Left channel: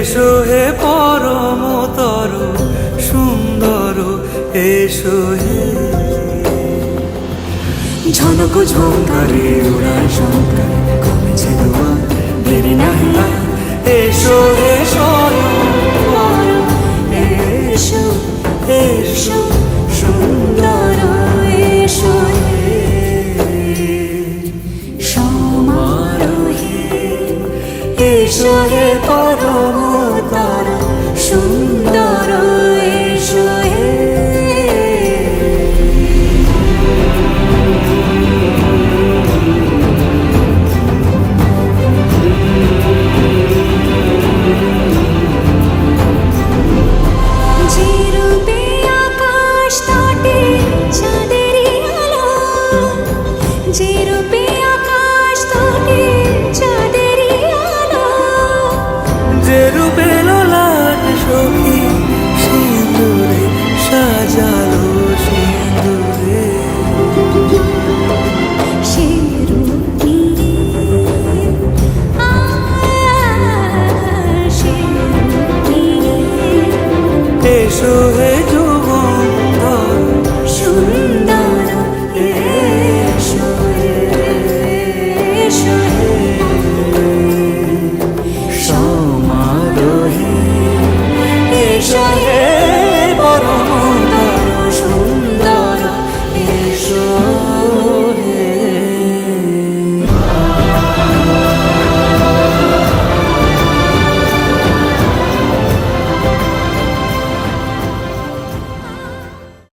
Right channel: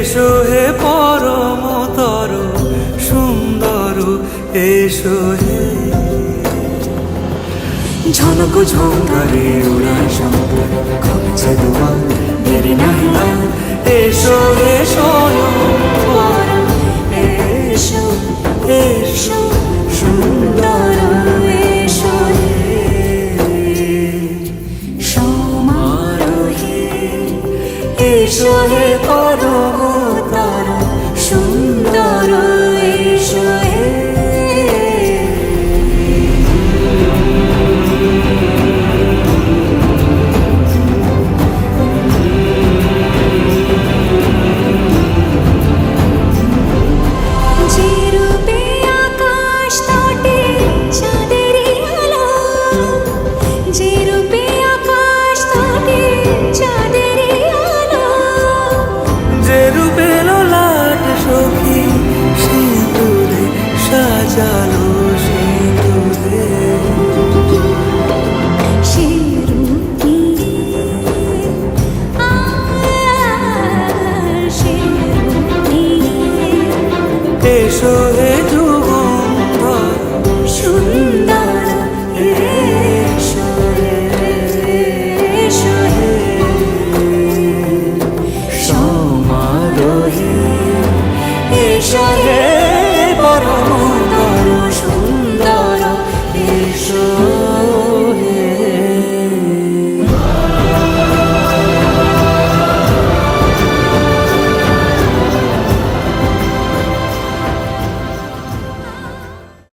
এসো হে পরমতর সুন্দর, এসো হে। ঝনক ঝঙ্কারে উড়ায় শঙ্কারে, কমেছে দুয়ার দেরি নাহি আর। এসো হে স্বয়ং বর, এসো এসো সুন্দর, এসো হে সমারোহে। এসো হে পরমতর সুন্দর, এসো হে। যে রূপে আকাশ তটে চাঁদেরই আলো, যে রূপে আকাশ তটে চাঁদেরই আলো, যে রূপে ললাট সখী সিঁদুরে সাজালো সিঁদুরে। সে রূপ নিয়ে সে রূপ নিয়ে। এসো হে যুগন্ধর সুন্দর, এসো এসো হে সমারোহে। এসো হে পরমতর সুন্দর, এসো হে